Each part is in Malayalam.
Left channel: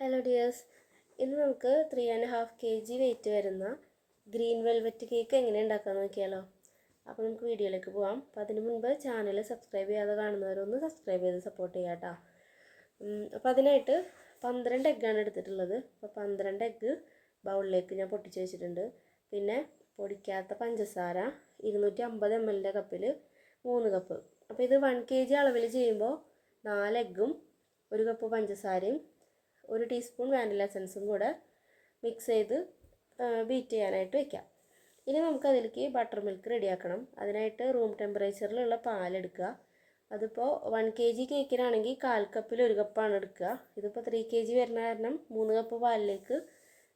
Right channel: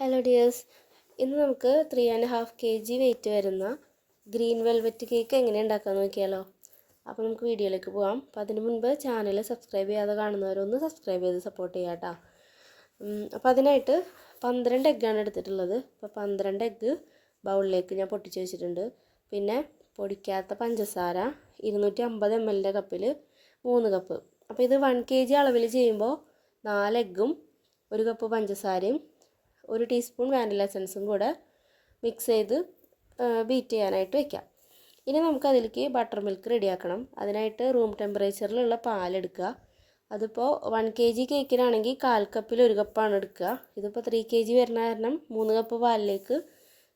ഹലോ ഡിയേഴ്സ് ഇന്ന് നമുക്ക് three and half K G weight വരുന്ന ഗ്രീൻ വെൽവെറ്റ് കേക്ക് എങ്ങനെ ഉണ്ടാക്കാമെന്ന് നോക്കിയാലോ? അപ്പോൾ നമുക്ക് വീഡിയോയിലേക്ക് പോകാം അപ്പോൾ അതിന് മുൻപ് ചാനൽ സബ്സ്ക്രൈബ് ചെയ്യാതെ കാണുന്നവരൊന്ന് സബ്സ്ക്രൈബ് ചെയ്ത് സപ്പോർട്ട് ചെയ്യാം കേട്ടോ അപ്പോൾ അതിനായിട്ട് പന്ത്രണ്ട് എഗ്ഗാണ് എടുത്തിട്ടുള്ളത്. അപ്പോൾ പന്ത്രണ്ട് എഗ്ഗ് ബൗളിലേക്ക് ഞാൻ പൊട്ടിച്ച് വെച്ചിട്ടുണ്ട്. പിന്നെ പൊടിക്കാത്ത പഞ്ചസാര ഇരുന്നൂറ്റി അമ്പത് എം എല്ലിന്റെ കപ്പിൽ മൂന്ന് കപ്പ് അപ്പോൾ ഇത് വൺ കെ ജി അളവിൽ ചെയ്യുമ്പോൾ നാല് എഗ്ഗും ഒരു കപ്പ് പഞ്ചസാരയും ഒരു ടീസ്പൂൺ വാനില എസൻസും കൂടെ മിക്സ് ചെയ്ത് ബീറ്റ് ചെയ്യാനായിട്ട് വെക്കാം. ഇനി നമുക്കതിലേക്ക് ബട്ടർ മിൽക്ക് റെഡിയാക്കണം അതിനായിട്ട് റൂം ടെമ്പറേച്ചറിലുള്ള പാലെടുക്കുക. അതിപ്പോൾ വൺ കെ ജി കേക്കിനാണെങ്കിൽ കാൽ കപ്പിൽ ഒരു കപ്പാണ് എടുക്കുക. ഇതിപ്പോൾ ത്രീ കെ ജി വരുന്ന കാരണം മൂന്ന് കപ്പ് പാലിലേക്ക്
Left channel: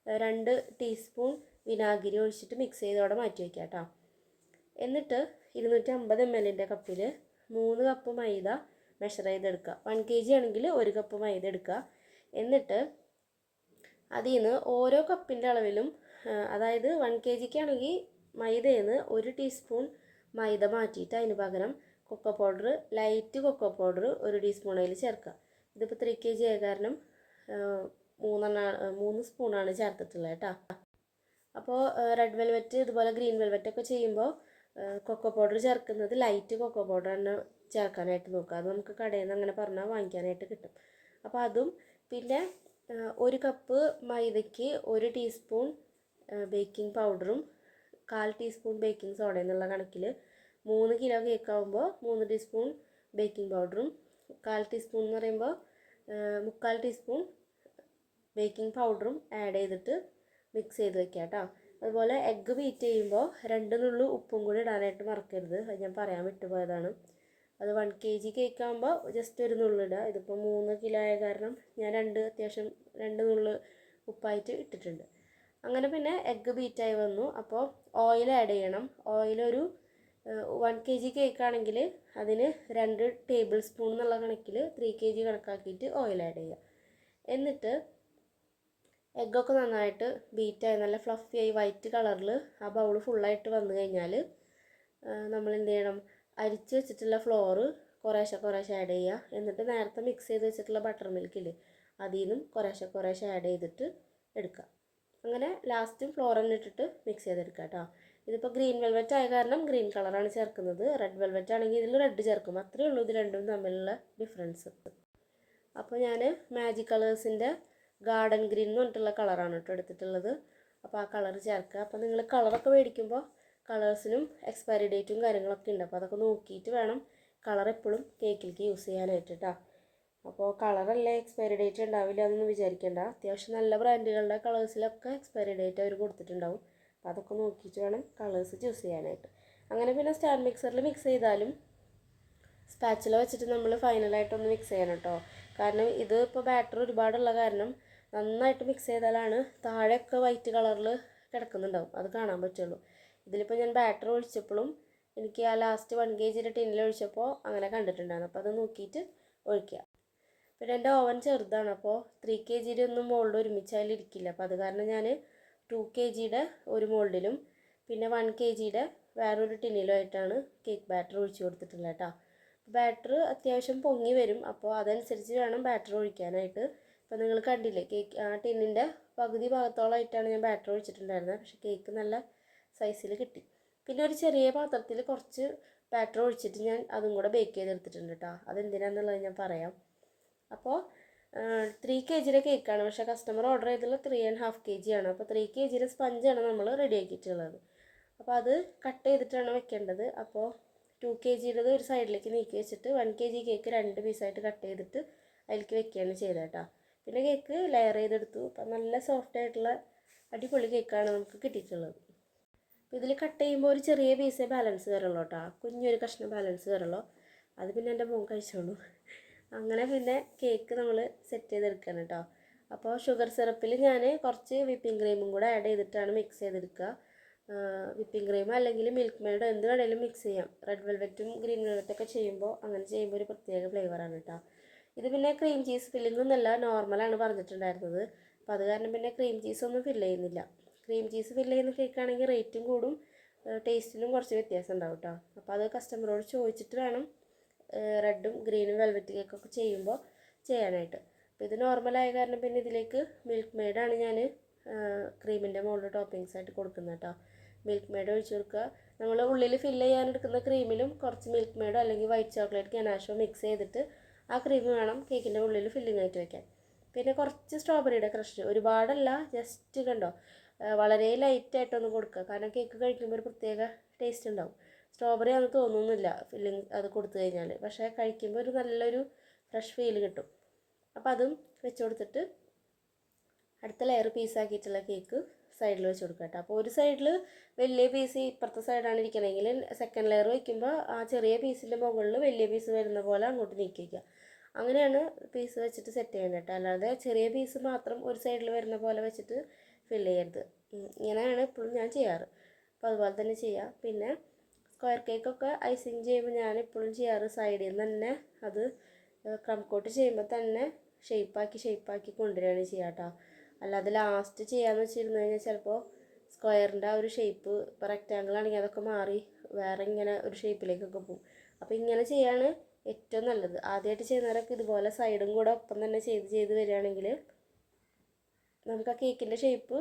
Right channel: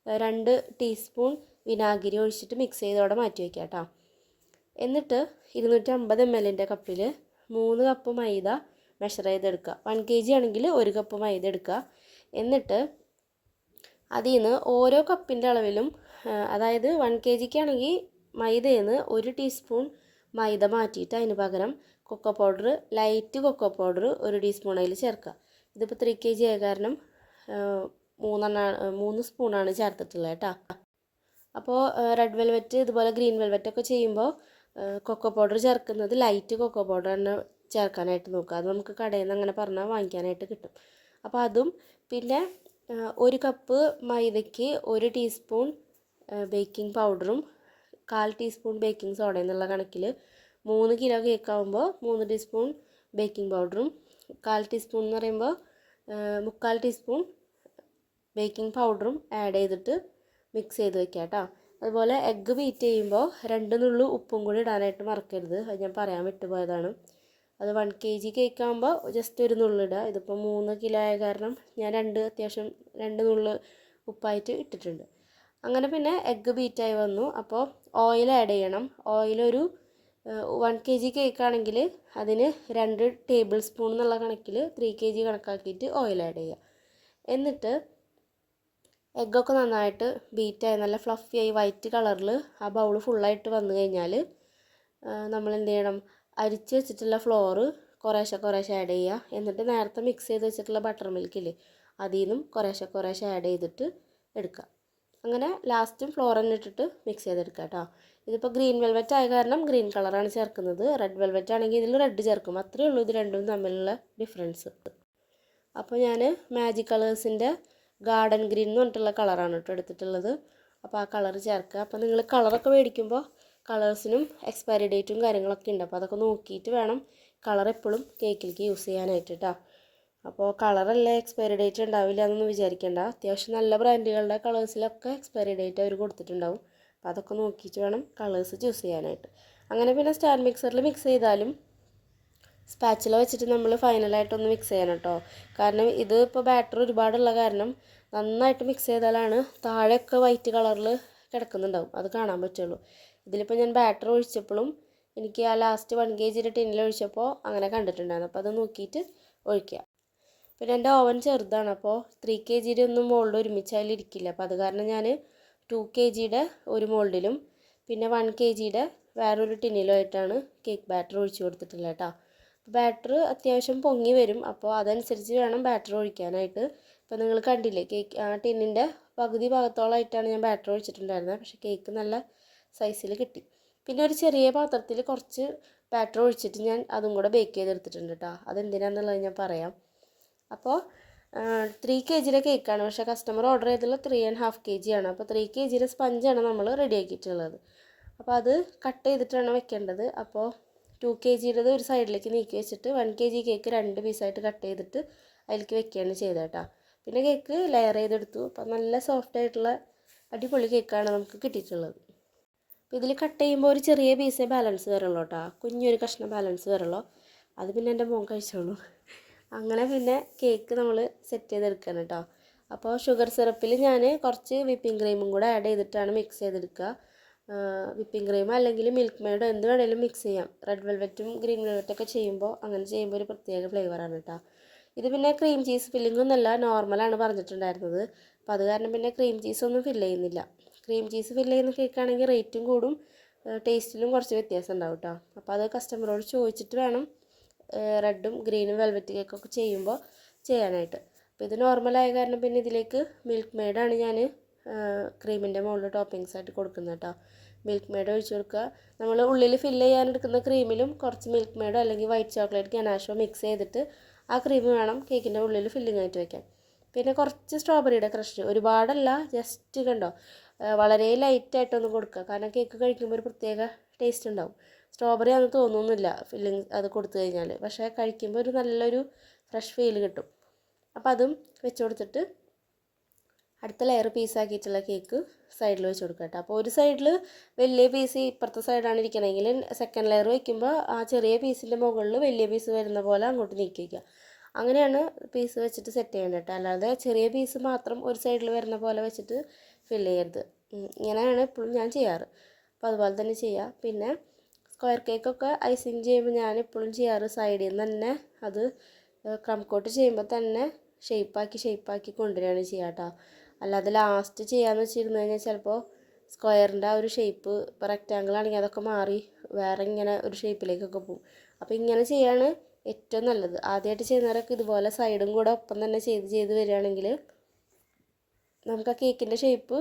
രണ്ട് ടീസ്പൂൺ വിനാഗിരി ഒഴിച്ചിട്ട് മിക്സ് ചെയ്തോടെ മാറ്റി വയ്ക്കുക കേട്ടോ. എന്നിട്ട് ഇരുന്നൂറ്റി അമ്പത് എം എല്ലിന്റെ കപ്പിൽ മൂന്ന് കപ്പ് മൈദ മെഷർ ചെയ്തെടുക്കുക. വൺ കെ ജി ആണെങ്കിൽ ഒരു കപ്പ് മൈദ എടുക്കുക. എന്നിട്ട് അതിൽ നിന്ന് ഓരോ കപ്പിന്റെ അളവിലും അതായത് വൺ കെ ജിക്കാണെങ്കിൽ മൈദയിൽ നിന്ന് ഒരു ടീസ്പൂൺ മൈദ മാറ്റിയിട്ട് അതിന് പകരം cocoa powder light cocoa powder ഒരു ടീസ്പൂൺ അതിൽ ചേർക്കുക. ഇതിപ്പോൾ ത്രീ കെ ജി ആയ കാരണം മൂന്നെണ്ണ മൂന്ന് സ്പൂണാണ് ചേർത്തിട്ടുള്ളത് കേട്ടോ. അപ്പോൾ റെഡ് വെൽവെറ്റ് ഇതുപോലെ ഗ്രീൻ വെൽവെറ്റ് ഒക്കെ ചെയ്യുമ്പോൾ കൊക്കോ പൗഡർ ചേർക്കുന്നത് ലൈറ്റ് കൊക്കോ പൗഡർ തന്നെ ചേർക്കാനായിട്ട് നോക്കുക. അത് നമുക്ക് കടയിൽ നിന്ന് അങ്ങനെ പറഞ്ഞാൽ വാങ്ങിക്കാനായിട്ട് കിട്ടും. അപ്പോൾ അതും പിന്നെ ഒരു കപ്പ് മൈദയ്ക്ക് ഒരു ടീസ്പൂൺ ബേക്കിംഗ് പൗഡറും കാൽ ടീസ്പൂൺ ബേക്കിംഗ് സോഡ എന്നുള്ള കണക്കിൽ മൂന്ന് കിലോ കേക്ക് ആകുമ്പോൾ മൂന്ന് ടീസ്പൂൺ ബേക്കിംഗ് പൗഡറും കാൽ ടീസ്പൂൺ എന്ന് പറയുമ്പോൾ മുക്കാൽ ടീസ്പൂൺ ബേക്കിംഗ് പൗഡറും ആഡ് ചെയ്തിട്ട് മിക്സ് ചെയ്ത് വെക്കുക കേട്ടോ. അതുപോലെ എഗ്ഗ് ബീറ്റ് ചെയ്യുമ്പോൾ രണ്ട് നുള്ളു ഉപ്പും കൂടി ഇടാനായിട്ട് മറക്കരുത്. അത് ഞാൻ പറയാൻ വിട്ടുപോയതാണ്. അത് വൺ കെ ജി കേക്ക് ആകുമ്പോൾ ജസ്റ്റ് ഒരു നുള്ളിടുക ഇതിപ്പോൾ മൂന്ന് കിലോ ആയ കാരണം ഞാൻ രണ്ട് അത്യാവശ്യം രണ്ട് നുള്ള് ഉപ്പായിട്ട് ഇട്ടിട്ടുണ്ട്. അങ്ങനെ പിന്നെ എഗ്ഗ് ബീറ്റായി വന്നു. അപ്പോൾ ഓയിൽ ആഡ് ചെയ്യണം. ഓയിലൊരു വൺ കെ ജി കേക്ക് ആണെങ്കിൽ അതിന് രണ്ട് ടേബിൾ സ്പൂൺ എന്നുള്ള കണക്കിൽ ത്രീ കെ ജി കണക്കാക്കിയിട്ട് ഓയിൽ ആഡ് ചെയ്യുക എന്നിട്ട് എഗ്ഗൊക്കെ നന്നായിട്ട് ബീറ്റായി നല്ല ഫ്ലഫിയായി വൈറ്റ് കളറിൽ ആ ബൗൾ ഫുള്ളായിട്ട് വന്നു കഴിഞ്ഞാൽ നമ്മൾ എന്ത് ചെയ്യണം? അരിച്ച് വെച്ചിട്ടുള്ള ഫ്ലോറ് കുറേശ്ശെ കുറേശ്ശെ ആഡ് ചെയ്യുക. എന്നിട്ട് നേരത്തെ മിക്സ് ചെയ്ത് വെച്ചിട്ടുള്ള ബട്ടർ മിൽക്കില്ലേ അതിൽ നിന്നും കുറേശ്ശെ കുറേശ്ശെ ആഡ് ചെയ്തിട്ട് എടുക്കുക. അങ്ങനെ ലാസ്റ്റും ഫ്ലോർ തന്നെ ഇട്ടിട്ട് മിക്സ് ചെയ്തെടുക്കുക കേട്ടോ ഇതിപ്പോൾ ഗ്രീൻ വെൽവെറ്റ് ആയ കാരണം ഗ്രീൻ കളറാണ് ചേർക്കുന്നത്. റെഡ് വെൽവെറ്റ് ആണെങ്കിൽ ഇതിൽ റെഡ് ചേർക്കും. അത്രയേ ഉള്ളൂ ഇത് രണ്ടും തമ്മിലുള്ള ഡിഫറൻസ് അപ്പോൾ ഞാൻ മാജിക് കളേഴ്സിന്റെ ഗാർഡൻ ഗ്രീൻ എന്ന് പറഞ്ഞിട്ടുള്ള കളറാണ് കേട്ടോ എടുത്തിട്ടുള്ളത്. അപ്പോൾ ആ കളർ ചേർക്കുക. അപ്പോൾ നിങ്ങൾ കളറൊക്കെ മേടിക്കുമ്പോൾ കളേഴ്സിനും എക്സ്പയറി ഡേറ്റും കാര്യങ്ങളൊക്കെ ഉണ്ട്. അപ്പോൾ അതൊക്കെ നോക്കിയിട്ട് വേണം കളർ എപ്പോഴും കേക്കിലേക്ക് യൂസ് ചെയ്യാനായിട്ട് കേട്ടോ അപ്പോൾ കളറല്ലേ എക്സ്പയറി ഡേറ്റ് ഉണ്ടാവില്ല എന്നൊന്നും വിചാരിക്കേണ്ട. അത്യാവശ്യം നല്ല ബ്രാൻഡുകളുടെ കളേഴ്സിലൊക്കെ എക്സ്പയറി ഡേറ്റ് അവർ കൊടുത്തിട്ടുണ്ടാവും. അപ്പോൾ അതൊക്കെ നോക്കിയിട്ട് വേണം കളേഴ്സ് ചൂസ് ചെയ്യാനായിട്ട്. അങ്ങനെ പിന്നെ സ്റ്റാൻഡ് മിക്സറിൽ മിക്സ് ചെയ്താലും സ്പാച്ചില വെച്ചിട്ട് നമ്മൾ ഫൈനലായിട്ടൊന്ന് മിക്സ് ചെയ്യണം കേട്ടോ കാരണം ഇത് ഇപ്പോൾ ബാറ്റർ ഒരുപാടുള്ള കാരണം നന്നായിട്ട് മിക്സ് ചെയ്താലാണ് താഴെയൊക്കെ വൈറ്റ് കളറിൽ കിടക്കുന്നുണ്ടാവും. അത് കാണാൻ പറ്റുള്ളൂ. ഇതിലിപ്പോൾ ഞാൻ ബാറ്റർ ഒഴിച്ചപ്പോഴും എനിക്ക് ആ ലാസ്റ്റ് വൺ കെ ജിയുടെ ടിന്നിൽ ഒഴിച്ചപ്പോൾ അങ്ങനെ കണ്ടിട്ടുണ്ടായിരുന്നു. അപ്പോൾ അത് നോക്കിയിട്ട് ഒഴിക്കുക പിന്നെ എന്റെ ഓവൻ ചെറുതാണ്. അപ്പോൾ ത്രീ കെ ജിയുടെ ഒന്നും മോൾഡ് ഒരുമിച്ച് അതിലിരിക്കില്ല അപ്പോൾ അത് കാരണം ഞാൻ ടു കെ ജിയുടെ ഒരു മോൾഡിലും പിന്നെ വൺ കെ ജിയുടെ വേറൊരു ടിന്നിലുമായിട്ടാണ് കേക്ക് ബാറ്റർ ഒഴിച്ചു കൊടുത്തിട്ടുള്ളത് കേട്ടോ ബാറ്റർ അത്യാവശ്യം പൊങ്ങി വരും. അപ്പോൾ അതനുസരിച്ച് വേണം ബാറ്റർ ഒഴിക്കാനായിട്ട്. ഇപ്പോൾ നിങ്ങൾ കണ്ടില്ലേ കേക്ക് ആ ടിന്നിന്റെ പകുതി ഭാഗത്തോളമായിട്ടാണ് ഞാൻ ബാറ്റർ ഒഴിച്ചിട്ടുണ്ടായിരുന്നത്. പക്ഷേ കേക്ക് നല്ല സൈസിൽ കിട്ടി. പിന്നെ ഒരു ചെറിയ പാത്രത്തിൽ കുറച്ച് ബാറ്റർ ഒഴിച്ചിട്ട് ഞാൻ അതും കൂടെ ബേക്ക് ചെയ്തെടുത്തിട്ടുണ്ട് കേട്ടോ അതെന്തിനാണെന്നുള്ളത് ഞാൻ പറയാം. അപ്പോൾ ത്രീ കെ ജിയുടെ കേക്കാണ് പക്ഷേ കസ്റ്റമർ ഓർഡർ ചെയ്തുള്ള three and half K G ആണ് അപ്പോൾ ത്രീ കെ ജിയുടെ സ്പഞ്ചാണ് നമ്മൾ റെഡി ആക്കിയിട്ടുള്ളത്. അപ്പോൾ അത് കട്ട് ചെയ്തിട്ടാണ് വെക്കേണ്ടത്. അപ്പോൾ ടു കെ ജിയുടേത് ഒരു സൈഡിലേക്ക് നീക്കി വെച്ചിട്ട് വൺ കെ ജി കേക്ക് രണ്ട് പീസായിട്ട് കട്ട് ചെയ്തിട്ട് അതിലേക്ക് വെക്കുകയാണ് ചെയ്തത് കേട്ടോ പിന്നെ കേക്ക് ലെയർ ചെയ്തെടുത്തു. അപ്പോൾ നല്ല സോഫ്റ്റ് ആയിട്ടുള്ള അടിപൊളി കേക്കാണ് നമുക്ക് കിട്ടിയിട്ടുള്ളത്. അപ്പോൾ ഇതിൽ കട്ട് ചെയ്യുമ്പോൾ ഒരു ചെറിയ പീസേ ബാലൻസ് വരുള്ളൂ കേട്ടോ കുഞ്ഞൊരു കഷ്ണം ബാലൻസ് വരുള്ളൂ. അത് പിന്നെ എന്റെ മോൻ കഴിച്ചോളൂ. അങ്ങനെ പിന്നെ കേക്ക് നമ്മൾ സെറ്റ് ചെയ്തെടുക്കണം കേട്ടോ അപ്പോൾ ഷുഗർ സിറപ്പിൽ ഞാൻ കുറച്ച് വിപ്പിംഗ് ക്രീമും കൂടെ ആഡ് ചെയ്തിട്ടാണ് മിക്സ് ചെയ്തെടുക്കുക വിപ്പിംഗ് ക്രീം അല്ലെങ്കിൽ മിൽക്ക് മെയ്ഡോ എന്ത് വേണേലും മിക്സ് ചെയ്യാം. റെഡ് വെൽവെറ്റും ഗ്രീൻ വെൽവെറ്റൊക്കെ ചെയ്യുമ്പോൾ അങ്ങനെ ചെയ്യുമ്പോൾ ഒരു പ്രത്യേക ഫ്ലേവറാണ് കേട്ടോ ഇത് പിന്നെ ക്രീം ചീസ് ഫില്ലിംഗ് ഒന്നല്ല നോർമലാണ് പറഞ്ഞിട്ടുണ്ടായിരുന്നത്. അപ്പോൾ അത് കാരണം പിന്നെ ക്രീം ചീസ് ഒന്നും ഫില്ല് ചെയ്യുന്നില്ല. ക്രീം ചീസ് ഫില്ല് ചെയ്യുന്ന കേക്കാണെങ്കിൽ റേറ്റും കൂടും. ടേസ്റ്റിലും കുറച്ച് വ്യത്യാസം ഉണ്ടാവും കേട്ടോ അപ്പോൾ അത് കസ്റ്റമറോട് ചോദിച്ചിട്ട് വേണം റെഡും ഗ്രീനും വെൽവെറ്റ് കേക്കൊക്കെ ചെയ്യുമ്പോൾ ചെയ്യാനായിട്ട്. അപ്പോൾ ഇത് നോർമലായ കാരണം പിന്നെ ഇതിലേക്ക് മിൽക്ക് മെയ്ഡാണ് ഞാൻ ക്രീമിന്റെ മുകളിൽ ടോപ്പിങ്സ് ആയിട്ട് കൊടുക്കുന്നത് കേട്ടോ മിൽക്ക് മെയ്ഡ് ഒഴിച്ച് കൊടുക്കുക. നമ്മൾ ഉള്ളിൽ ഫില്ല് ചെയ്യാനെടുക്കുന്ന ക്രീമിലും കുറച്ച് മിൽക്ക് മെയ്ഡോ അല്ലെങ്കിൽ വൈറ്റ് ചോക്ലേറ്റ് ഗനാഷോ മിക്സ് ചെയ്തിട്ട് ആ ക്രീം വേണം കേക്കിന്റെ ഉള്ളിൽ ഫില്ലിംഗ് ആയിട്ട് വയ്ക്കാൻ പിന്നെ കുറച്ച് സ്ട്രോബെറിയുടെ ക്രഷ് ഒരുപാടല്ല ജസ്റ്റ് കണ്ടോ? വളരെ ലൈറ്റായിട്ടൊന്ന് കൊടുക്കുക. കാരണം കേക്ക് കഴിക്കുമ്പോൾ ഒരു പ്രത്യേക ടേസ്റ്റ് ഉണ്ടാവും. സ്ട്രോബെറി അങ്ങനെ തോന്നുന്നില്ല ഫില്ലിങ് അത് കൊടുത്തു കഴിഞ്ഞാൽ പക്ഷേ കഴിക്കുമ്പോൾ ഒരു നല്ലൊരു ഫ്രഷ് ഫീൽ കിട്ടും. അപ്പോൾ അതും വെച്ച് കൊടുത്തിട്ട് അടുത്ത ലെയർ പീസാക്കിയിട്ടുള്ള കേക്ക് സൈഡിൽ വെച്ച് കൊടുക്കുക കേട്ടോ. അപ്പോൾ ഒരു സൈഡിൽ വലിയ പീസ് ഇപ്പുറത്തെ സൈഡാണ് ഇരിക്കണമെങ്കിൽ സെക്കൻഡ് ലെയർ വയ്ക്കുമ്പോൾ ആ ചെറിയ പീസിന്റെ മുകളിൽ വലിയ പീസ് വരുന്ന പോലെ അങ്ങോട്ട് നീക്കി വയ്ക്കുക അങ്ങനെയാണ് പീസ് വെച്ചിട്ട് സെറ്റ് ചെയ്യേണ്ടത് കേട്ടോ. അല്ലാതെ ചെറിയ പീസ് മാത്രം ഒരു സൈഡിൽ വരുന്ന പോലെ വെച്ചിട്ട് ഫില്ല് ചെയ്യരുത്. ഇങ്ങനെയാണ് എപ്പോഴും ഞാൻ ചെയ്യാറ്. അപ്പോൾ അതുപോലെ തന്നെ ചെയ്യുക പിന്നെ സ്ക്വയർ കേക്കൊക്കെ ഐസിങ് ചെയ്യുമ്പോൾ ഞാൻ എപ്പോഴും ചെയ്യാറ്. സൈഡിൽ നിന്ന് തന്നെ അത് ക്രം കോട്ട് ചെയ്യുമ്പോൾ തന്നെ ഷേപ്പാക്കി ഷേപ്പാക്കി കൊണ്ടുവരികയാണ് ചെയ്യുക കേട്ടോ അല്ലാതെ ലാസ്റ്റ് ചെയ്യാന്ന് വെച്ചിരുന്നു കഴിഞ്ഞാൽ ചിലപ്പോൾ സ്ക്വയറിന്റെ ആ ഒരു ഷേപ്പ് ഇപ്പോൾ റെക്റ്റാങ്കിൾ ആണെങ്കിൽ അതൊക്കെ മാറി വേറെ ഇങ്ങനെ ഒരു ഷേപ്പിലേക്കൊക്കെ പോകും അപ്പോൾ ഇങ്ങനെ ചെയ്യാണ് ഏറ്റവും നല്ലത്. ആദ്യമായിട്ട് ചെയ്യുന്നവരൊക്കെ ഇതുപോലെ സൈഡും കൂടെ ഒപ്പം തന്നെ ചെയ്ത് ചെയ്ത് വരികയാണെങ്കിൽ നമുക്ക് ആ കേക്കിന്റെ ഷേപ്പ്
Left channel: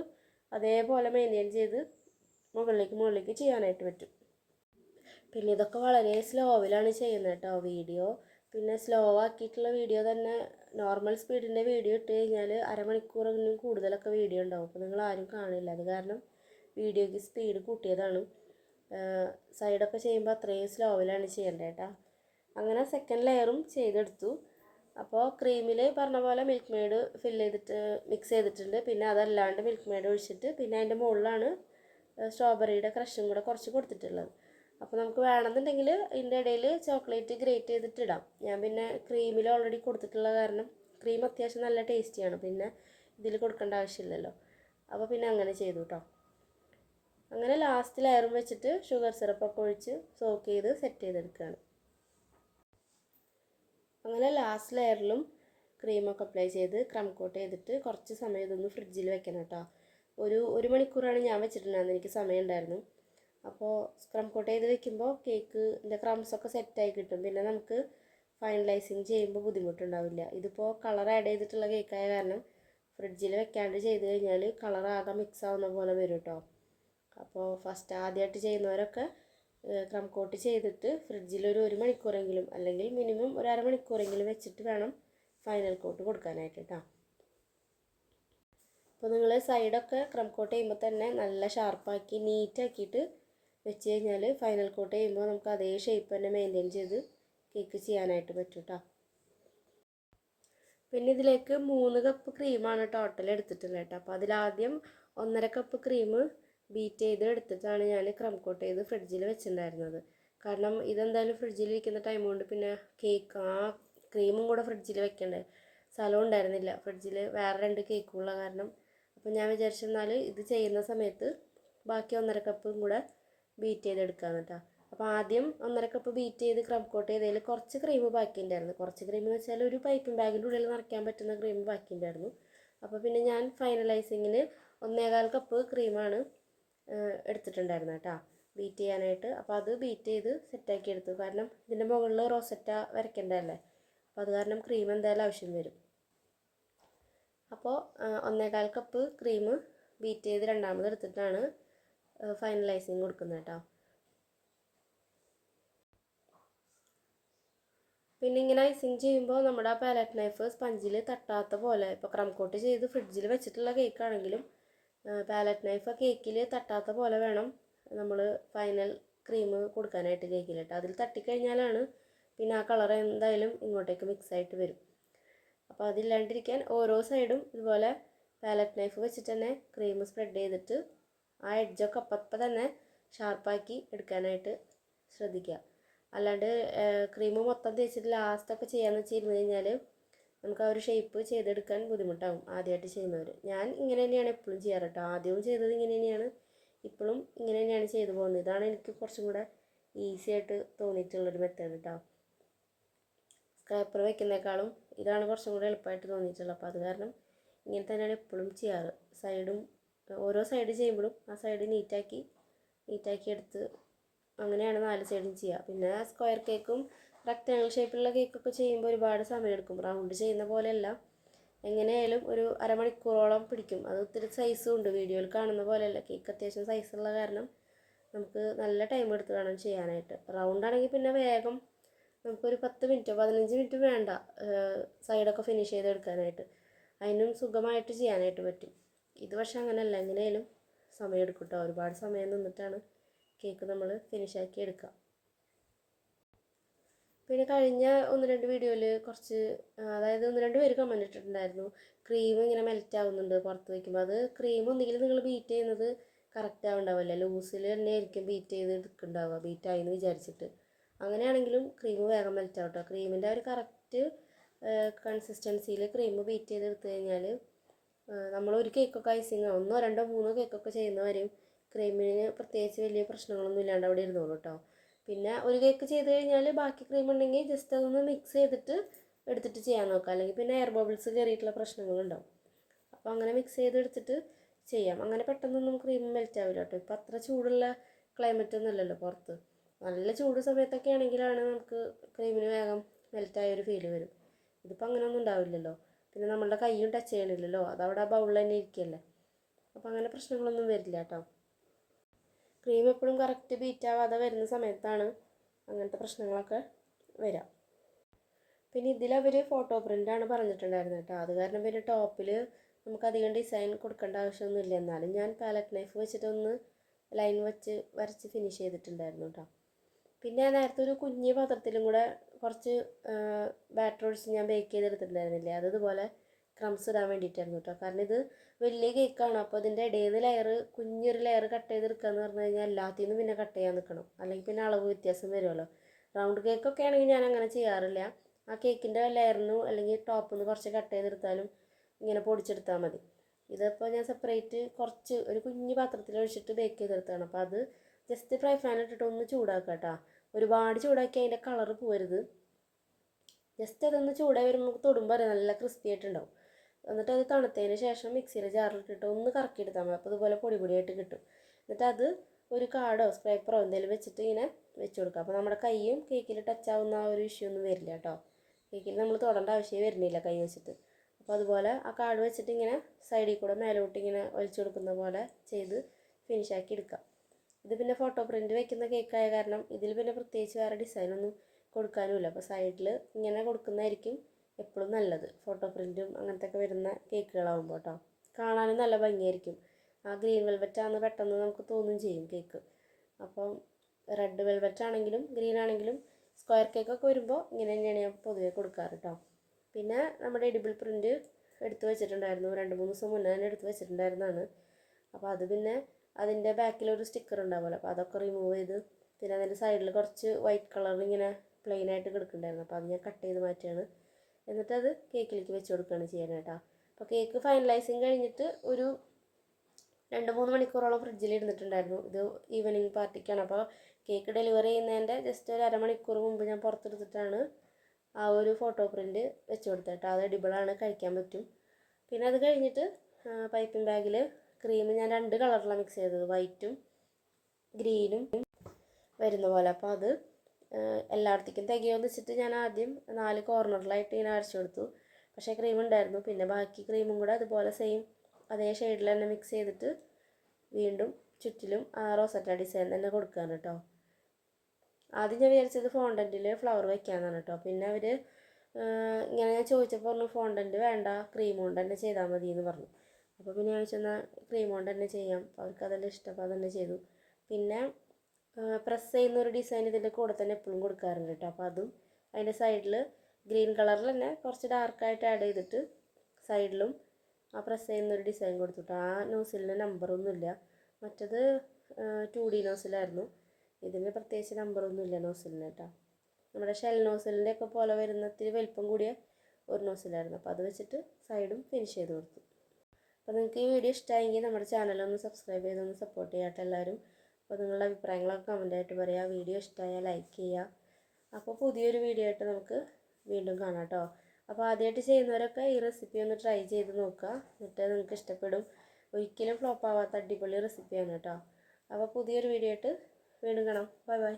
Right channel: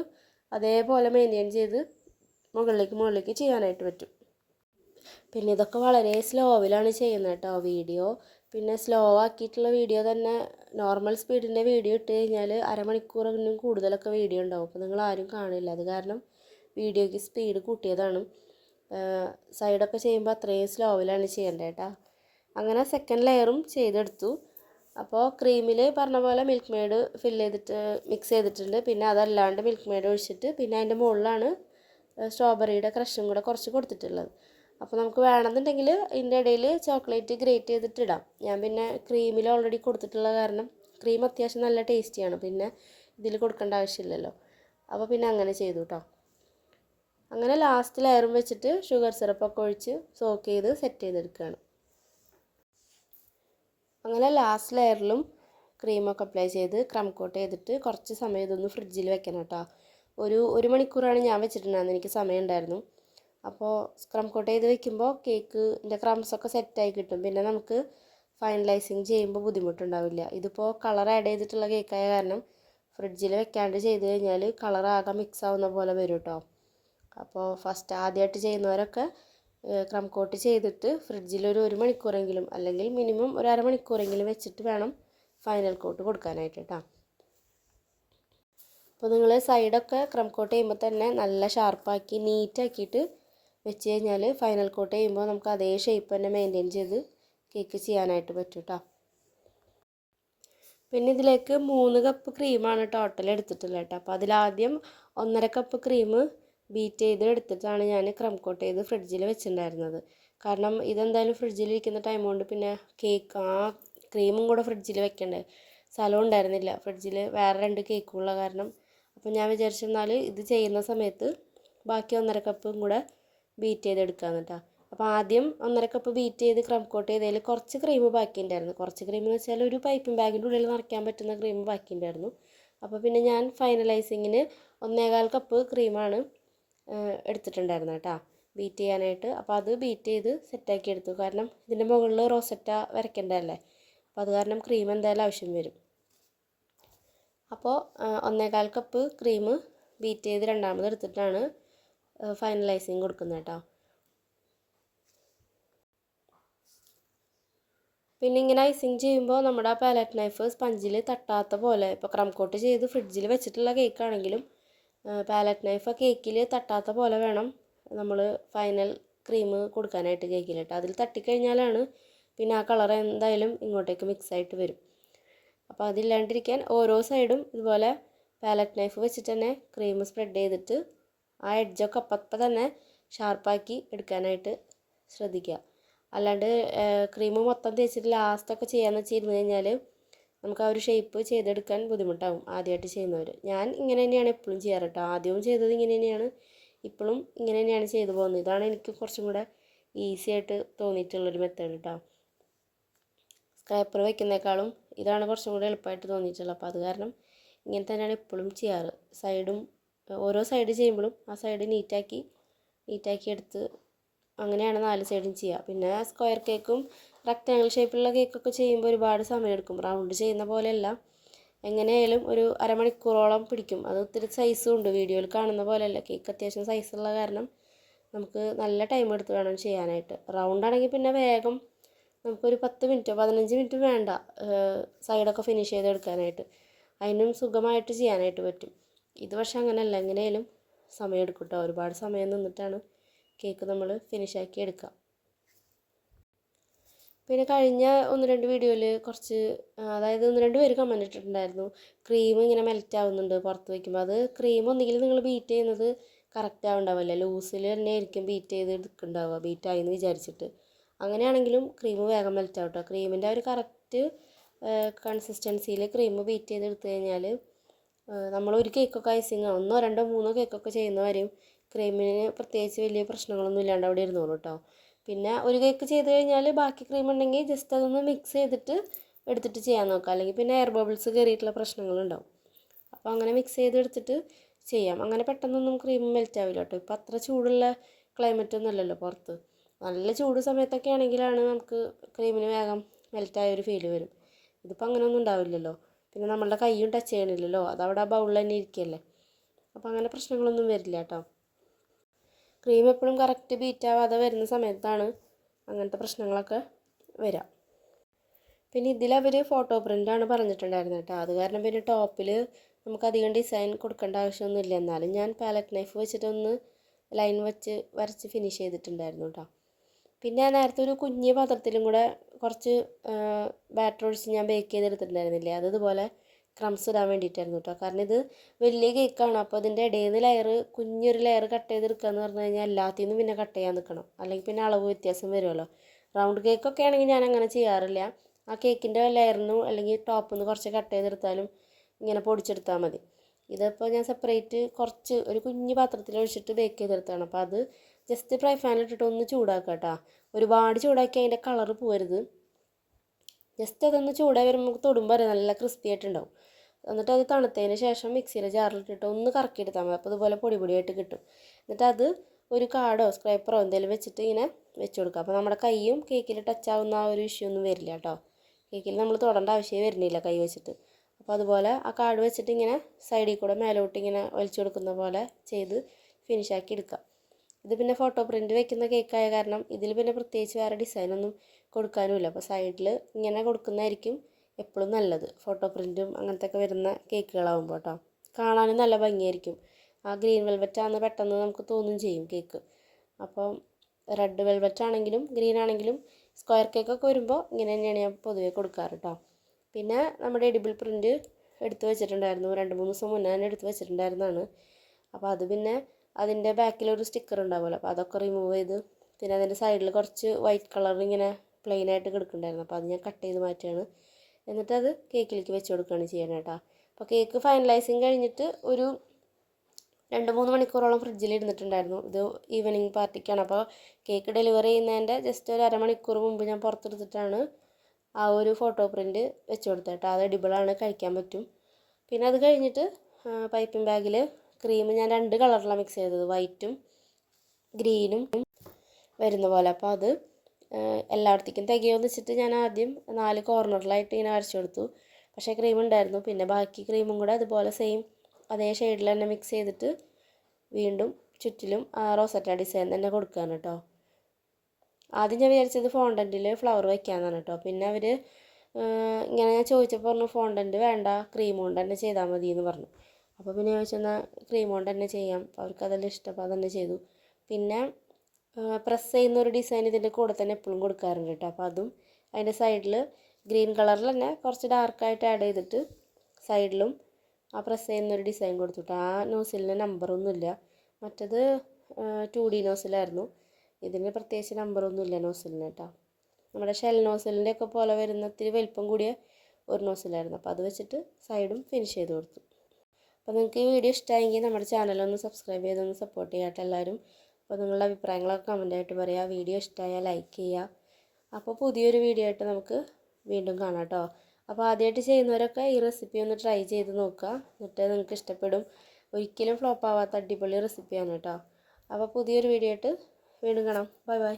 അതേപോലെ മെയിന്റെയിൻ ചെയ്ത് മുകളിലേക്ക് മുകളിലേക്ക് ചെയ്യാനായിട്ട് പറ്റും. പിന്നെ ഇതൊക്കെ വളരെ സ്ലോവിലാണ് ചെയ്യുന്നത് കേട്ടോ വീഡിയോ പിന്നെ സ്ലോ ആക്കിയിട്ടുള്ള വീഡിയോ തന്നെ നോർമൽ സ്പീഡിന്റെ വീഡിയോ ഇട്ട് കഴിഞ്ഞാൽ അരമണിക്കൂറിനും കൂടുതലൊക്കെ വീഡിയോ ഉണ്ടാവും. അപ്പോൾ നിങ്ങൾ ആരും കാണില്ല. അത് കാരണം വീഡിയോയ്ക്ക് സ്പീഡ് കൂട്ടിയതാണ്. സൈഡൊക്കെ ചെയ്യുമ്പോൾ അത്രയും സ്ലോവിലാണ് ചെയ്യേണ്ടത് കേട്ടോ. അങ്ങനെ സെക്കൻഡ് ലെയറും ചെയ്തെടുത്തു. അപ്പോൾ ക്രീമിൽ പറഞ്ഞ പോലെ മിൽക്ക് മെയ്ഡ് ഫിൽ ചെയ്തിട്ട് മിക്സ് ചെയ്തിട്ടുണ്ട്. പിന്നെ അതല്ലാണ്ട് മിൽക്ക് മെയ്ഡ് ഒഴിച്ചിട്ട് പിന്നെ അതിന്റെ മുകളിലാണ് സ്ട്രോബെറിയുടെ ക്രഷും കൂടെ കുറച്ച് കൊടുത്തിട്ടുള്ളത്. അപ്പോൾ നമുക്ക് വേണമെന്നുണ്ടെങ്കിൽ ഇതിന്റെ ഇടയിൽ ചോക്ലേറ്റ് ഗ്രേറ്റ് ചെയ്തിട്ടിടാം ഞാൻ പിന്നെ ക്രീമിൽ ഓൾറെഡി കൊടുത്തിട്ടുള്ള കാരണം ക്രീം അത്യാവശ്യം നല്ല ടേസ്റ്റിയാണ് പിന്നെ ഇതിൽ കൊടുക്കേണ്ട ആവശ്യമില്ലല്ലോ. അപ്പോൾ പിന്നെ അങ്ങനെ ചെയ്തു കേട്ടോ അങ്ങനെ ലാസ്റ്റ് ലെയറും വെച്ചിട്ട് ഷുഗർ സിറപ്പൊക്കെ ഒഴിച്ച് സോക്ക് ചെയ്ത് സെറ്റ് ചെയ്തെടുക്കുകയാണ് അങ്ങനെ ലാസ്റ്റ് ലെയറിലും ക്രീമൊക്കെ അപ്ലൈ ചെയ്ത് ക്രം കോട്ട് ചെയ്തിട്ട് കുറച്ച് സമയം ഇതൊന്ന് ഫ്രിഡ്ജിൽ വെക്കണം കേട്ടോ ഒരു ഒരു മണിക്കൂറാണ് ഞാൻ വെച്ചിട്ടുണ്ടായിരുന്നത്. എനിക്ക് സമയം ഉണ്ടായിരുന്നു. അപ്പോൾ സ്ക്രം കോട്ട് ചെയ്ത് വെക്കുമ്പോൾ കേക്കിന്റെ ക്രംസൊക്കെ സെറ്റായി കിട്ടും. പിന്നെ നമുക്ക് ഫൈനലൈസിങ് ചെയ്യുമ്പോൾ ബുദ്ധിമുട്ടുണ്ടാവില്ല. ഇതിപ്പോൾ കളർ ആഡ് ചെയ്തിട്ടുള്ള കേക്കായ കാരണം ഫ്രിഡ്ജിൽ വെക്കാണ്ട് ചെയ്ത് കഴിഞ്ഞാൽ കളർ ആകെ മിക്സ് ആവുന്ന പോലെ വരും കേട്ടോ അപ്പോൾ ഫസ്റ്റ് ആദ്യമായിട്ട് ചെയ്യുന്നവരൊക്കെ ക്രം കോട്ട് ചെയ്തിട്ട് ഫ്രിഡ്ജിൽ ഒരു ഒരു മണിക്കൂറെങ്കിലും അല്ലെങ്കിൽ മിനിമം ഒരു അരമണിക്കൂറെങ്കിലും വെച്ചിട്ട് വേണം ഫൈനൽ കോട്ട് കൊടുക്കാനായിട്ട് കേട്ടോ അപ്പോൾ നിങ്ങൾ സൈഡൊക്കെ ക്രം കോട്ട് ചെയ്യുമ്പോൾ തന്നെ നല്ല ഷാർപ്പാക്കി നീറ്റാക്കിയിട്ട് വെച്ച് കഴിഞ്ഞാൽ ഫൈനൽ കോട്ട് ചെയ്യുമ്പോൾ നമുക്ക് അതേ ഷേപ്പ് തന്നെ മെയിന്റെയിൻ ചെയ്ത് കേക്ക് ചെയ്യാനായിട്ട് പറ്റും കേട്ടോ പിന്നെ ഇതിലേക്ക് മൂന്ന് കപ്പ് ക്രീമാണ് ടോട്ടൽ എടുത്തിട്ടുള്ളത് കേട്ടോ അപ്പോൾ അതിലാദ്യം ഒന്നര കപ്പ് ക്രീം ബീറ്റ് ചെയ്ത് എടുത്തിട്ടാണ് ഞാൻ ക്രം കോട്ട് ചെയ്ത് ഫ്രിഡ്ജിൽ വെച്ചിട്ടുണ്ടായിരുന്നത്. കാരണം ഇതെന്തായാലും ഫ്രിഡ്ജിൽ ഇരിക്കുന്ന ടൈം കൊണ്ട് പിന്നെ കേക്ക് ആ ക്രീമും കൂടെ ഫ്രിഡ്ജിൽ വെക്കണ്ടേ സ്ഥലം ഉണ്ടായിരുന്നില്ല. ഫ്രിഡ്ജിൽ വേറെ രണ്ട് കേക്കുള്ള കാരണം. അപ്പോൾ ഞാൻ വിചാരിച്ചെന്നാൽ ഇത് ചെയ്യുന്ന സമയത്ത് ബാക്കി ഒന്നര കപ്പും കൂടെ ബീറ്റ് ചെയ്തെടുക്കാന്ന് കേട്ടോ അപ്പോൾ ആദ്യം ഒന്നര കപ്പ് ബീറ്റ് ചെയ്ത് ക്രം കോട്ട് ചെയ്തതിൽ കുറച്ച് ക്രീം ബാക്കി ഉണ്ടായിരുന്നു. കുറച്ച് ക്രീം എന്ന് വെച്ചാൽ ഒരു പൈപ്പിംഗ് ബാഗിന്റെ ഉള്ളിൽ നിറയ്ക്കാൻ പറ്റുന്ന ക്രീം ബാക്കി ഉണ്ടായിരുന്നു. അപ്പോൾ പിന്നെ ഞാൻ ഫൈനലൈസിങ്ങിന് ഒന്നേകാൽ കപ്പ് ക്രീമാണ് എടുത്തിട്ടുണ്ടായിരുന്നത് കേട്ടോ. ബീറ്റ് ചെയ്യാനായിട്ട്. അപ്പോൾ അത് ബീറ്റ് ചെയ്ത് സെറ്റാക്കി എടുത്തു. കാരണം ഇതിന്റെ മുകളിൽ റോസറ്റ വരയ്ക്കേണ്ടതല്ലേ? അപ്പോൾ അത് കാരണം ക്രീം എന്തായാലും ആവശ്യം വരും. അപ്പോൾ ഒന്നേകാൽ കപ്പ് ക്രീം ബീറ്റ് ചെയ്ത് രണ്ടാമത് എടുത്തിട്ടാണ് ഫൈനലൈസിങ് കൊടുക്കുന്നത് കേട്ടോ. പിന്നെ ഇങ്ങനെ ഐസിങ് ചെയ്യുമ്പോൾ നമ്മുടെ ആ പാലറ്റ് നൈഫ് സ്പഞ്ചിൽ തട്ടാത്ത പോലെ ഇപ്പോൾ ക്രം കോട്ട് ചെയ്ത് ഫ്രിഡ്ജിൽ വെച്ചിട്ടുള്ള കേക്ക് ആണെങ്കിലും പാലറ്റ് നൈഫ് ആ കേക്കിൽ തട്ടാത്ത പോലെ വേണം നമ്മൾ ഫൈനൽ ക്രീം കൊടുക്കാനായിട്ട് കേക്കിൽ കേട്ടോ അതിൽ തട്ടിക്കഴിഞ്ഞാലാണ് പിന്നെ ആ കളർ എന്തായാലും ഇങ്ങോട്ടേക്ക് മിക്സ് ആയിട്ട് വരും. അപ്പോൾ അതില്ലാണ്ടിരിക്കാൻ ഓരോ സൈഡും ഇതുപോലെ പാലറ്റ് നൈഫ് വെച്ചിട്ട് തന്നെ ക്രീം സ്പ്രെഡ് ചെയ്തിട്ട് ആ എഡ്ജൊക്കെ അപ്പം തന്നെ ഷാർപ്പാക്കി എടുക്കാനായിട്ട് ശ്രദ്ധിക്കുക. അല്ലാണ്ട് ക്രീം മൊത്തം തേച്ചിട്ട് ലാസ്റ്റൊക്കെ ചെയ്യാമെന്ന് വെച്ചിരുന്നു കഴിഞ്ഞാൽ നമുക്ക് ആ ഒരു ഷേപ്പ് ചെയ്തെടുക്കാൻ ബുദ്ധിമുട്ടാകും ആദ്യമായിട്ട് ചെയ്യുന്നവർ ഞാൻ ഇങ്ങനെ തന്നെയാണ് എപ്പോഴും ചെയ്യാറ് കേട്ടോ ആദ്യവും ചെയ്തത് ഇങ്ങനെ തന്നെയാണ്. ഇപ്പോഴും ഇങ്ങനെ തന്നെയാണ് ചെയ്തു പോകുന്നത്. ഇതാണ് എനിക്ക് കുറച്ചും കൂടെ ഈസി ആയിട്ട് തോന്നിയിട്ടുള്ളൊരു മെത്തേഡ് കേട്ടോ സ്ക്രാപ്പർ വയ്ക്കുന്നേക്കാളും ഇതാണ് കുറച്ചും കൂടെ എളുപ്പമായിട്ട് തോന്നിയിട്ടുള്ളത്. അപ്പോൾ അത് കാരണം ഇങ്ങനെ തന്നെയാണ് എപ്പോഴും ചെയ്യാറ്. സൈഡും ഓരോ സൈഡ് ചെയ്യുമ്പോഴും ആ സൈഡ് നീറ്റാക്കി നീറ്റാക്കി എടുത്ത് അങ്ങനെയാണ് നാല് സൈഡും ചെയ്യുക പിന്നെ സ്ക്വയർ കേക്കും റെക്റ്റാങ്കിൾ ഷേപ്പിലുള്ള കേക്കൊക്കെ ചെയ്യുമ്പോൾ ഒരുപാട് സമയമെടുക്കും റൗണ്ട് ചെയ്യുന്ന പോലെയല്ല. എങ്ങനെയായാലും ഒരു അരമണിക്കൂറോളം പിടിക്കും. അത് ഒത്തിരി സൈസും ഉണ്ട്. വീഡിയോയിൽ കാണുന്ന പോലെയല്ല. കേക്ക് അത്യാവശ്യം സൈസുള്ള കാരണം നമുക്ക് നല്ല ടൈം എടുത്ത് വേണം ചെയ്യാനായിട്ട്. റൗണ്ട് ആണെങ്കിൽ പിന്നെ വേഗം നമുക്കൊരു പത്ത് മിനിറ്റോ പതിനഞ്ച് മിനിറ്റ് വേണ്ട സൈഡൊക്കെ ഫിനിഷ് ചെയ്തെടുക്കാനായിട്ട് അതിനും സുഖമായിട്ട് ചെയ്യാനായിട്ട് പറ്റും. ഇത് പക്ഷേ അങ്ങനെയല്ല. എങ്ങനെയായാലും സമയം എടുക്കും കേട്ടോ ഒരുപാട് സമയം നിന്നിട്ടാണ് കേക്ക് നമ്മൾ ഫിനിഷാക്കി എടുക്കുക. പിന്നെ കഴിഞ്ഞ ഒന്ന് രണ്ട് വീഡിയോയിൽ കുറച്ച് അതായത് ഒന്ന് രണ്ട് പേര് കമന്റ് ഇട്ടിട്ടുണ്ടായിരുന്നു. ക്രീം ഇങ്ങനെ മെൽറ്റ് ആവുന്നുണ്ട് പുറത്ത് വയ്ക്കുമ്പോൾ അത് ക്രീം ഒന്നുകിൽ നിങ്ങൾ ബീറ്റ് ചെയ്യുന്നത് കറക്റ്റ് ആവുണ്ടാവില്ല. ലൂസിൽ തന്നെ ആയിരിക്കും ബീറ്റ് ചെയ്ത് എടുക്കുന്നുണ്ടാവുക ബീറ്റ് ആയി എന്ന് വിചാരിച്ചിട്ട്. അങ്ങനെയാണെങ്കിലും ക്രീം വേഗം മെൽറ്റ് ആവട്ടോ. ക്രീമിന്റെ ഒരു കറക്റ്റ് കൺസിസ്റ്റൻസിയിൽ ക്രീം ബീറ്റ് ചെയ്ത് എടുത്തു കഴിഞ്ഞാൽ നമ്മൾ ഒരു കേക്കൊക്കെ ഐസിങ് ഒന്നോ രണ്ടോ മൂന്നോ കേക്കൊക്കെ ചെയ്യുന്നവരെയും ക്രീമിന് പ്രത്യേകിച്ച് വലിയ പ്രശ്നങ്ങളൊന്നും ഇല്ലാണ്ട് അവിടെ ഇരുന്നോളൂ കേട്ടോ പിന്നെ ഒരു കേക്ക് ചെയ്ത് കഴിഞ്ഞാൽ ബാക്കി ക്രീം ഉണ്ടെങ്കിൽ ജസ്റ്റ് അതൊന്ന് മിക്സ് ചെയ്തിട്ട് എടുത്തിട്ട് ചെയ്യാൻ നോക്കാം. അല്ലെങ്കിൽ പിന്നെ എയർ ബബിൾസ് കയറിയിട്ടുള്ള പ്രശ്നങ്ങളുണ്ടാവും. അപ്പോൾ അങ്ങനെ മിക്സ് ചെയ്ത് എടുത്തിട്ട് ചെയ്യാം. അങ്ങനെ പെട്ടെന്നൊന്നും ക്രീം മെൽറ്റ് ആവില്ല കേട്ടോ. ഇപ്പോൾ അത്ര ചൂടുള്ള ക്ലൈമറ്റ് ഒന്നും അല്ലല്ലോ പുറത്ത്. നല്ല ചൂട് സമയത്തൊക്കെ ആണെങ്കിലാണ് നമുക്ക് ക്രീമിന് വേഗം മെൽറ്റായ ഒരു ഫീൽ വരും. ഇതിപ്പോൾ അങ്ങനെയൊന്നും ഉണ്ടാവില്ലല്ലോ. പിന്നെ നമ്മളുടെ കൈയും ടച്ച് ചെയ്യണില്ലല്ലോ. അതവിടെ ആ ബൗളിൽ തന്നെ ഇരിക്കുകയല്ലേ അപ്പോൾ അങ്ങനെ പ്രശ്നങ്ങളൊന്നും വരില്ല കേട്ടോ. ക്രീം എപ്പോഴും കറക്റ്റ് ബീറ്റ് ആവാതെ വരുന്ന സമയത്താണ് അങ്ങനത്തെ പ്രശ്നങ്ങളൊക്കെ വരിക പിന്നെ ഇതിലവർ ഫോട്ടോ പ്രിന്റാണ് പറഞ്ഞിട്ടുണ്ടായിരുന്നത് കേട്ടോ അത് കാരണം പിന്നെ ടോപ്പിൽ നമുക്കധികം ഡിസൈൻ കൊടുക്കേണ്ട ആവശ്യമൊന്നുമില്ല. എന്നാലും ഞാൻ പാലറ്റ് നൈഫ് വെച്ചിട്ടൊന്ന് ലൈൻ വെച്ച് വരച്ച് ഫിനിഷ് ചെയ്തിട്ടുണ്ടായിരുന്നു കേട്ടോ പിന്നെ നേരത്തെ ഒരു കുഞ്ഞ് പാത്രത്തിലും കൂടെ കുറച്ച് ബാറ്റർ ഒഴിച്ച് ഞാൻ ബേക്ക് ചെയ്തെടുത്തിട്ടുണ്ടായിരുന്നില്ലേ? അത് ഇതുപോലെ ക്രംസ് ഇടാൻ വേണ്ടിയിട്ടായിരുന്നു കേട്ടോ കാരണം ഇത് വലിയ കേക്കാണ് അപ്പോൾ അതിന്റെ ഇടയിൽ നിന്ന് ലെയർ കുഞ്ഞൊരു ലെയർ കട്ട് ചെയ്തെടുക്കുക എന്ന് പറഞ്ഞു കഴിഞ്ഞാൽ എല്ലാത്തിൽ നിന്നും പിന്നെ കട്ട് ചെയ്യാൻ നിൽക്കണം അല്ലെങ്കിൽ പിന്നെ അളവ് വ്യത്യാസം വരുമല്ലോ റൗണ്ട് കേക്കൊക്കെ ആണെങ്കിൽ ഞാൻ അങ്ങനെ ചെയ്യാറില്ല. ആ കേക്കിന്റെ ലെയറിനും അല്ലെങ്കിൽ ടോപ്പിൽ നിന്ന് കുറച്ച് കട്ട് ചെയ്തെടുത്താലും ഇങ്ങനെ പൊടിച്ചെടുത്താൽ മതി. ഇതിപ്പോൾ ഞാൻ സെപ്പറേറ്റ് കുറച്ച് ഒരു കുഞ്ഞു പാത്രത്തിൽ ഒഴിച്ചിട്ട് ബേക്ക് ചെയ്തെടുത്താണ്. അപ്പോൾ അത് ജസ്റ്റ് ഫ്രൈ ഫാനിലിട്ടിട്ട് ഒന്ന് ചൂടാക്കുക കേട്ടോ ഒരുപാട് ചൂടാക്കി അതിന്റെ കളറ് പോരുത് ജസ്റ്റ് അതൊന്ന് ചൂടായി വരുമ്പോൾ തൊടുമ്പോൾ അറിയാം? നല്ല ക്രിസ്പി ആയിട്ടുണ്ടാവും. എന്നിട്ട് അത് തണുത്തതിന് ശേഷം മിക്സിയിലെ ജാറിലിട്ടിട്ട് ഒന്ന് കറക്കി എടുത്താൽ മതി. അപ്പോൾ ഇതുപോലെ പൊടി പൊടിയായിട്ട് കിട്ടും. എന്നിട്ട് അത് ഒരു കാർഡോ സ്ക്രൈപ്പറോ എന്തെങ്കിലും വെച്ചിട്ട് ഇങ്ങനെ വെച്ച് കൊടുക്കുക അപ്പോൾ നമ്മുടെ കൈയും കേക്കിൽ ടച്ച് ആവുന്ന ആ ഒരു ഇഷ്യൂ ഒന്നും വരില്ല കേട്ടോ. കേക്കിൽ നമ്മൾ തൊടേണ്ട ആവശ്യമേ വരുന്നില്ല കൈ വെച്ചിട്ട്. അപ്പോൾ അതുപോലെ ആ കാർഡ് വെച്ചിട്ട് ഇങ്ങനെ സൈഡിൽ കൂടെ മേലോട്ട് ഇങ്ങനെ വലിച്ചു കൊടുക്കുന്ന പോലെ ചെയ്ത് ഫിനിഷ് ആക്കി എടുക്കാം. ഇത് പിന്നെ ഫോട്ടോ പ്രിന്റ് വെക്കുന്ന കേക്കായ കാരണം ഇതിൽ പിന്നെ പ്രത്യേകിച്ച് വേറെ ഡിസൈനൊന്നും കൊടുക്കാനുമില്ല. അപ്പോൾ സൈഡിൽ ഇങ്ങനെ കൊടുക്കുന്നതായിരിക്കും. എപ്പോഴും നല്ലത്. ഫോട്ടോ പ്രിന്റും അങ്ങനത്തെ ഒക്കെ വരുന്ന കേക്കുകളാകുമ്പോൾ കേട്ടോ കാണാനും നല്ല ഭംഗിയായിരിക്കും. ആ ഗ്രീൻ വെൽവെറ്റ് ആണെന്ന് പെട്ടെന്ന് നമുക്ക് തോന്നും ചെയ്യും കേക്ക്. അപ്പോൾ റെഡ് വെൽവെറ്റ് ആണെങ്കിലും ഗ്രീൻ ആണെങ്കിലും സ്ക്വയർ കേക്കൊക്കെ വരുമ്പോൾ ഇങ്ങനെ തന്നെയാണ് ഞാൻ പൊതുവേ കൊടുക്കാറ് കേട്ടോ പിന്നെ നമ്മുടെ എഡിബിൾ പ്രിന്റ് എടുത്തു വെച്ചിട്ടുണ്ടായിരുന്നു. രണ്ട് മൂന്ന് ദിവസം മുന്നേ തന്നെ എടുത്ത് വെച്ചിട്ടുണ്ടായിരുന്നതാണ്. അപ്പോൾ അത് പിന്നെ അതിന്റെ ബാക്കിലൊരു സ്റ്റിക്കർ ഉണ്ടാവുമല്ലോ. അപ്പോൾ അതൊക്കെ റിമൂവ് ചെയ്ത് പിന്നെ അതിന്റെ സൈഡിൽ കുറച്ച് വൈറ്റ് കളർ ഇങ്ങനെ പ്ലെയിൻ ആയിട്ട് കിടക്കുന്നുണ്ടായിരുന്നു. അപ്പോൾ അത് ഞാൻ കട്ട് ചെയ്ത് മാറ്റുകയാണ് എന്നിട്ട് അത് കേക്കിലേക്ക് വെച്ച് കൊടുക്കുകയാണ് ചെയ്യണം കേട്ടോ. അപ്പോൾ കേക്ക് ഫൈനലൈസിങ് കഴിഞ്ഞിട്ട് ഒരു രണ്ട് മൂന്ന് മണിക്കൂറോളം ഫ്രിഡ്ജിൽ ഇരുന്നിട്ടുണ്ടായിരുന്നു. ഇത് ഈവനിങ് പാർട്ടിക്കാണ് അപ്പോൾ കേക്ക് ഡെലിവറി ചെയ്യുന്നതിന്റെ ജസ്റ്റ് ഒരു അരമണിക്കൂർ മുമ്പ് ഞാൻ പുറത്തെടുത്തിട്ടാണ് ആ ഒരു ഫോട്ടോ പ്രിന്റ് വെച്ച് കൊടുത്തത് കേട്ടോ. അത് അടിപൊളാണ് കഴിക്കാൻ പറ്റും. പിന്നെ അത് കഴിഞ്ഞിട്ട് പൈപ്പിംഗ് ബാഗിൽ ക്രീം ഞാൻ രണ്ട് കളറിലാണ് മിക്സ് ചെയ്തത്. വൈറ്റും ഗ്രീനും വരുന്ന പോലെ. അപ്പോൾ അത് എല്ലായിടത്തേക്കും തികയോന്ന് വെച്ചിട്ട് ഞാൻ ആദ്യം നാല് കോർണറിലായിട്ട് ഇങ്ങനെ അരച്ചു കൊടുത്തു. പക്ഷേ ക്രീം ഉണ്ടായിരുന്നു. പിന്നെ ബാക്കി ക്രീമും കൂടെ അതുപോലെ സെയിം അതേ ഷെയ്ഡിൽ തന്നെ മിക്സ് ചെയ്തിട്ട് വീണ്ടും ചുറ്റിലും റോസറ്റ ഡിസൈൻ തന്നെ കൊടുക്കുകയാണ് കേട്ടോ. ആദ്യം ഞാൻ വിചാരിച്ചത് ഫോണ്ടന്റിൽ ഫ്ലവർ വയ്ക്കാമെന്നാണ് കേട്ടോ. പിന്നെ അവർ ഇങ്ങനെ ഞാൻ ചോദിച്ചപ്പോൾ പറഞ്ഞു ഫോണ്ടന്റ് വേണ്ട ക്രീം കൊണ്ട് തന്നെ ചെയ്താൽ മതി എന്ന് പറഞ്ഞു. അപ്പോൾ പിന്നെ ചോദിച്ചെന്നാൽ ക്രീം കൊണ്ട് തന്നെ ചെയ്യാം. അവർക്ക് അതെല്ലാം ഇഷ്ടം അപ്പോൾ അതന്നെ ചെയ്തു. പിന്നെ പ്രസ് ചെയ്യുന്ന ഒരു ഡിസൈൻ ഇതിന്റെ കൂടെ തന്നെ എപ്പോഴും കൊടുക്കാറുണ്ട് കേട്ടോ. അപ്പോൾ അതും അതിന്റെ സൈഡിൽ ഗ്രീൻ കളറിൽ തന്നെ കുറച്ച് ഡാർക്കായിട്ട് ആഡ് ചെയ്തിട്ട് സൈഡിലും ആ പ്രസ് ചെയ്യുന്ന ഒരു ഡിസൈൻ കൊടുത്തിട്ട് ആ നോസിലിന് നമ്പറൊന്നുമില്ല മറ്റത് ടു ഡി നോസിലായിരുന്നു ഇതിന് പ്രത്യേകിച്ച് നമ്പറൊന്നുമില്ല നോസിലിന് കേട്ടോ. നമ്മുടെ ഷെൽ നോസിലിന്റെ ഒക്കെ പോലെ വരുന്ന വലിപ്പം കൂടിയ ഒരു നോസിലായിരുന്നു അപ്പോൾ അത് വെച്ചിട്ട് സൈഡും ഫിനിഷ് ചെയ്ത് കൊടുത്തു. അപ്പോൾ നിങ്ങൾക്ക് ഈ വീഡിയോ ഇഷ്ടമായെങ്കിൽ നമ്മുടെ ചാനലൊന്ന് സബ്സ്ക്രൈബ് ചെയ്തൊന്ന് സപ്പോർട്ട് ചെയ്യാട്ടെ എല്ലാവരും. അപ്പോൾ നിങ്ങളുടെ അഭിപ്രായങ്ങളൊക്കെ കമന്റായിട്ട് പറയുക വീഡിയോ ഇഷ്ടമായാൽ ലൈക്ക് ചെയ്യുക. അപ്പോൾ പുതിയൊരു വീഡിയോ ആയിട്ട് നമുക്ക് വീണ്ടും കാണാം കേട്ടോ. അപ്പോൾ ആദ്യമായിട്ട് ചെയ്യുന്നവരൊക്കെ ഈ റെസിപ്പി ഒന്ന് ട്രൈ ചെയ്ത് നോക്കുക. എന്നിട്ട് നിങ്ങൾക്ക് ഇഷ്ടപ്പെടും. ഒരിക്കലും ഫ്ലോപ്പ് ആവാത്ത അടിപൊളി റെസിപ്പിയാണ് കേട്ടോ. അപ്പോൾ പുതിയൊരു വീഡിയോ ആയിട്ട് വീണ്ടും കാണാം. Bye bye